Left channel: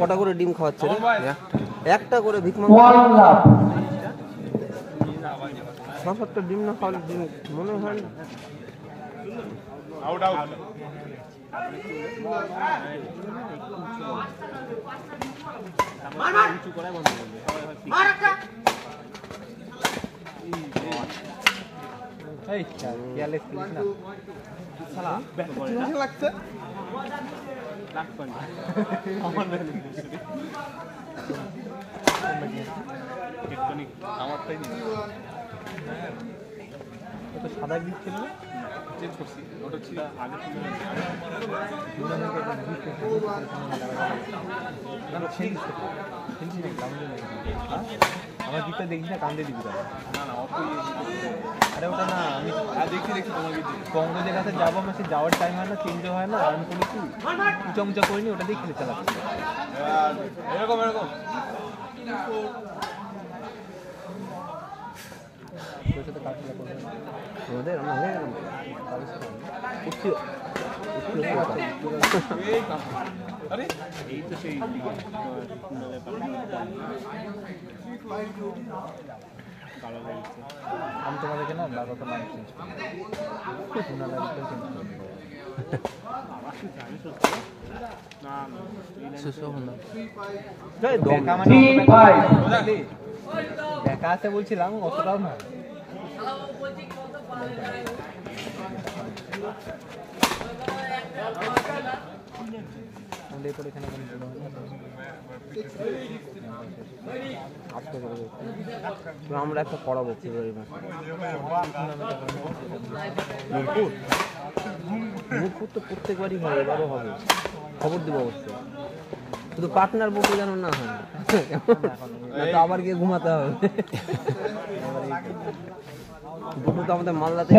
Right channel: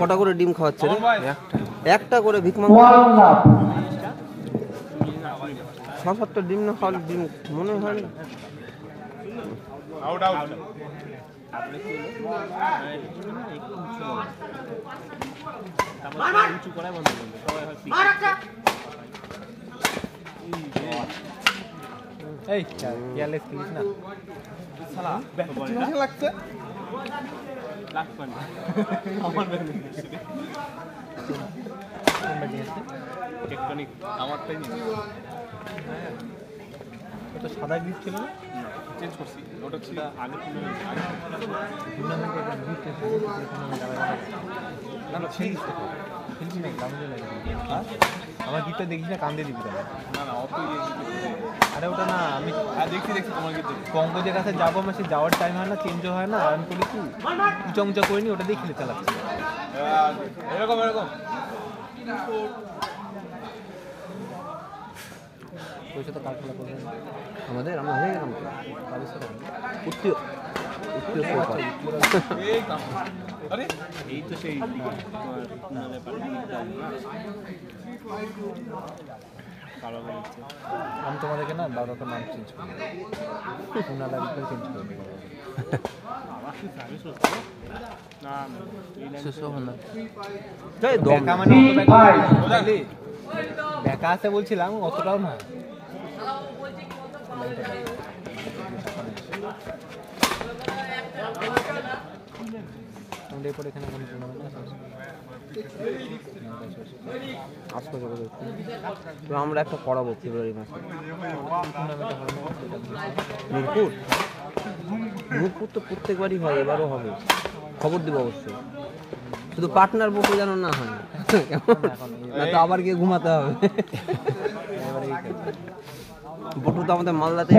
কটা করে ডিম খাওয়াচ্ছে রে? একটা করে ভিক সাতটা ডিম না খাওয়ালে ডিম মনে হয় না। সাদা গ্রিপ ছিল চেঞ্জ করছি, ওটা ছিল আগে ছিল আমার গিটটা দেখিস না, কান্দে দিবি না। আরে ওটা না, আমি দেখছি তোমার গিট কংগ্রেসের কাছে যাবো, বেশি যাওয়ার টাইম হয় না, চেঞ্জ হয় না, আমি করি কি উঁচা করিনি, ওটা দিয়ে খেলে চালাচ্ছি এরকম এরকম। আমাদের আমরা হয়ে গেল আমি তোমাদেরকে না বাবাকে নাম চেঞ্জ করি, দেখা আছে বলছিলাম অতটাও না। আমরা একটা করাবো ফেব্রুয়ারি মাসে। মিরপুর তো প্রত্যেকবারই হয়, এবারও হবে, খবর দেবো অবশ্যই। শুধু পার্টনার বুকে যেন না হয়, না তো আবার গিয়ে ঘুমাতে হবে। বুটু তো আমাদের মালদাতে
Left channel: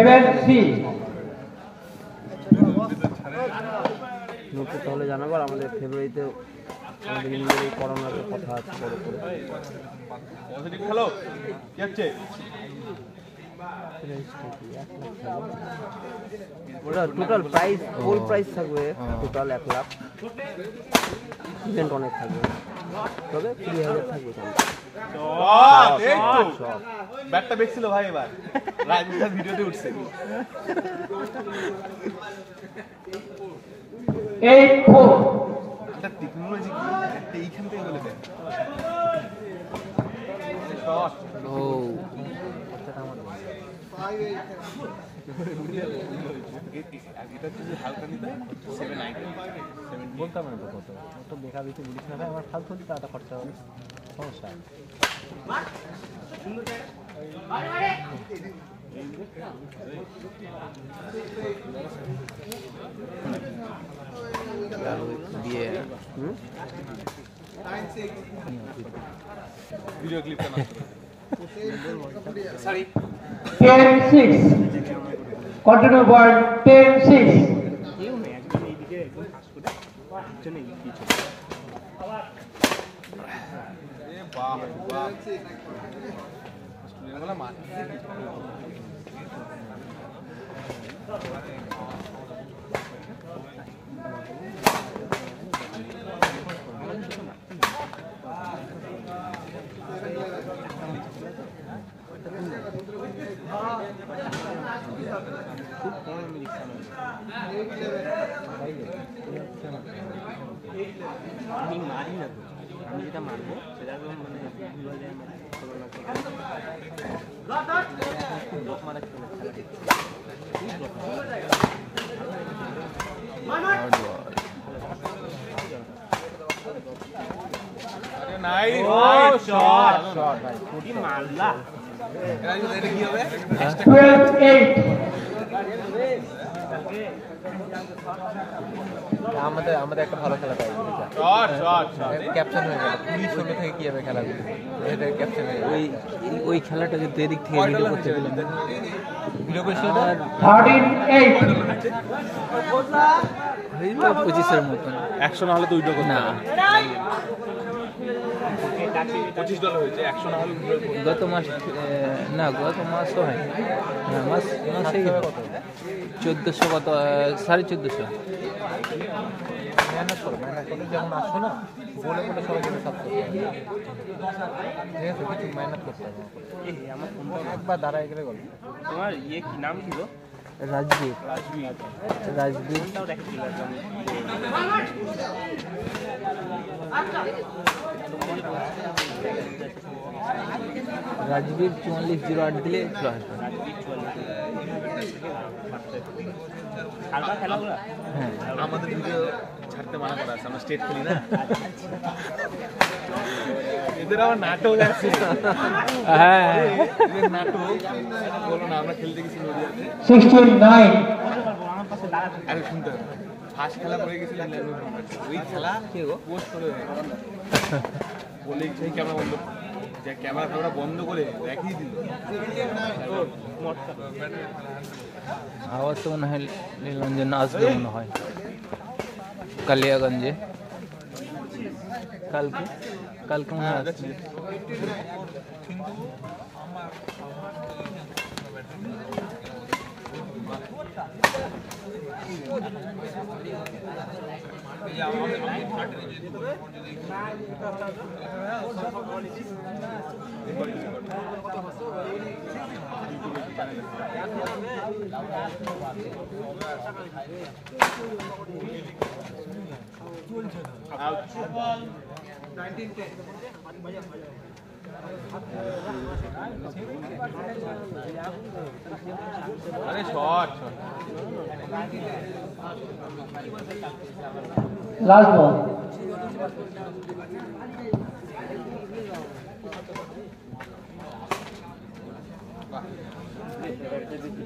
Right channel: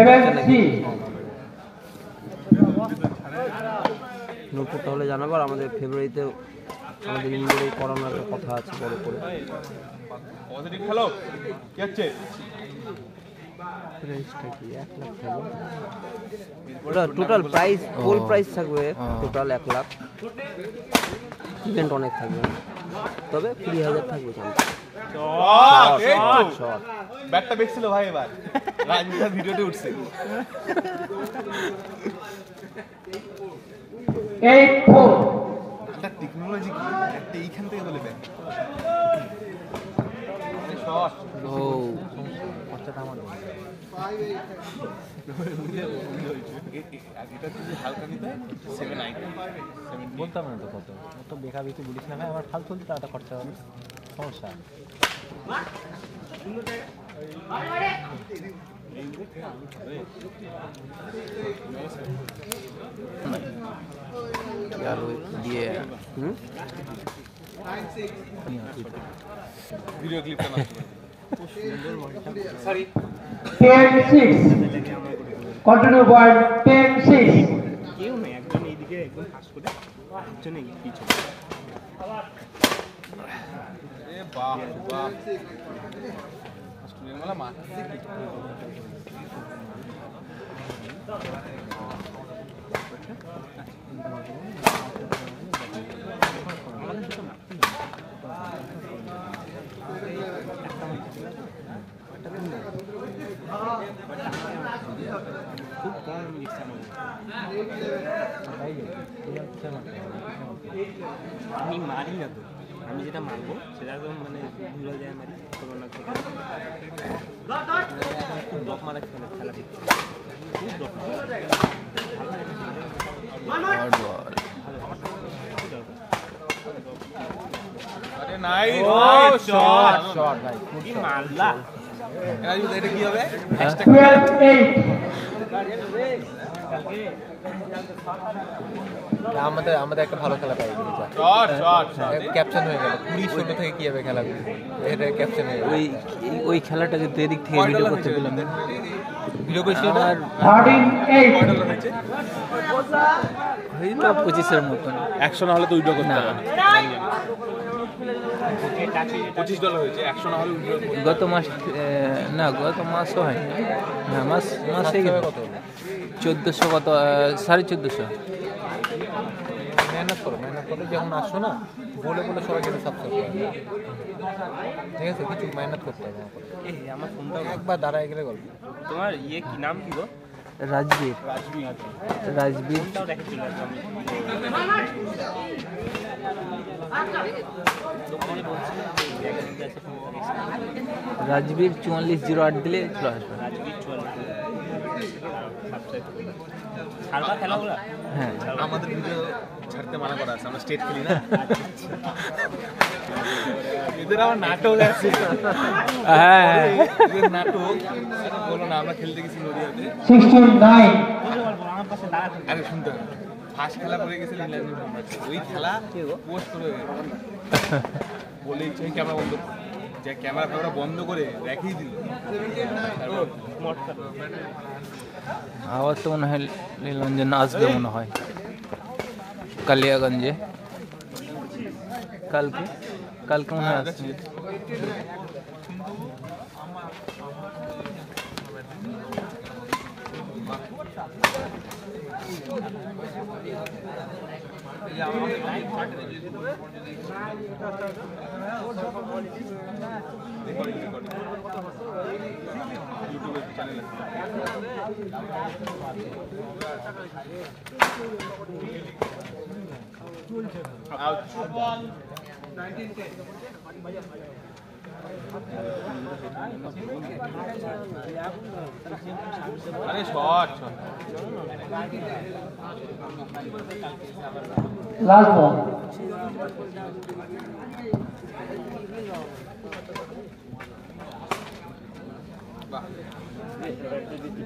মিরপুর তাহলে জানাবো। আর আমাদের ফেব্রুয়ারিতে আমাদের ইন্ডিয়ার করানোর কথা আছে বড় করে। ওটা টোটাল প্রাইস ফুল প্রাইস থাকবে, টোটাল 1 লাখ, ইভেন্ট অনেক থাকবে, তবে 20,000 থাকবে। ব্যাটটা বেচছিল ভাই, এবার রাজনীতির ভিডিওতে উঠছে। টেকনোলজি কি একটা এইখান থেকে বলে দেয়। বলতাম না তো, কত বেকা বেশি বলিস না ভাই, আমার ফালতু দিতে একটা খরচা হবে, সমস্যা। দিয়ে ভিডিও ক্লিপ সরি 10-6 কন্টিনিউ বল 10-6 কেউ নেই, একদম এইদিকে একদম পাস করে পিছনে পিছনে আবার এ বাবা স্টুডেন্ট वाला মাথা আমি মারি না, আমি যেটা মারবো সেটা তো মানে ভুল যায়, আমাদের একটা ভালো খেলা পাই, ক্যাপচার হয়ে গেল 20 থেকে কি হবে খেলা, এটা ক্যাপচার হয়ে ওই খেলাটাকে দেরিক থেকে ভিডিও করতে দিলাম, ভিডিও করছি আর 13-8 এই তো 25 এর মতন 100 না হলে তো উইড্রো করতে না, $25 হয়েছে, 100 না হলে গত মাস না, গত মাসও হয় না, মাসে 1400 কত 1450 মেহনত করো যেমন আসবে না বলে বলে সবাই যেন সাবস্ক্রাইব করে ঠিক আছে কিছু মেহনত করতে হবে এই আমার ফোনটা একবার দাঁড়ায় গেলে গল্প তোমার ইয়ে কি নাম কি গো রাজবীর রাজবীর 4408 দিলে চলে আসবে। হ্যাঁ আমাদের ভিডিও ছাড়তে মানা করা আছে আমরা স্টেট খেলি না এদের আবার নাটক আছে হ্যাঁ এদের নাটক বলো না আমরা খেলতে গেছি নদিয়াতে 69 আরে শুনতে হবে ফার্স্ট খেলা করে গেছিল ওই খেলা পোস্ট করে বলে ইচ্ছে ক্যামেরা বন্ধ যে ক্যামেরা বন্ধ করে রেখেই দিল আবার তো মনে হয় নীলরঞ্জন আসবে মনে হয় কালিয়াগঞ্জে কালকে মনে হয় আসছে। আরে শট লাস্ট বল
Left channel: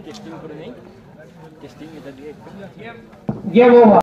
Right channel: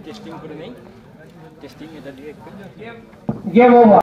টেস্টিং করে নেই টেস্টিং এটা দিয়ে গেম ওভার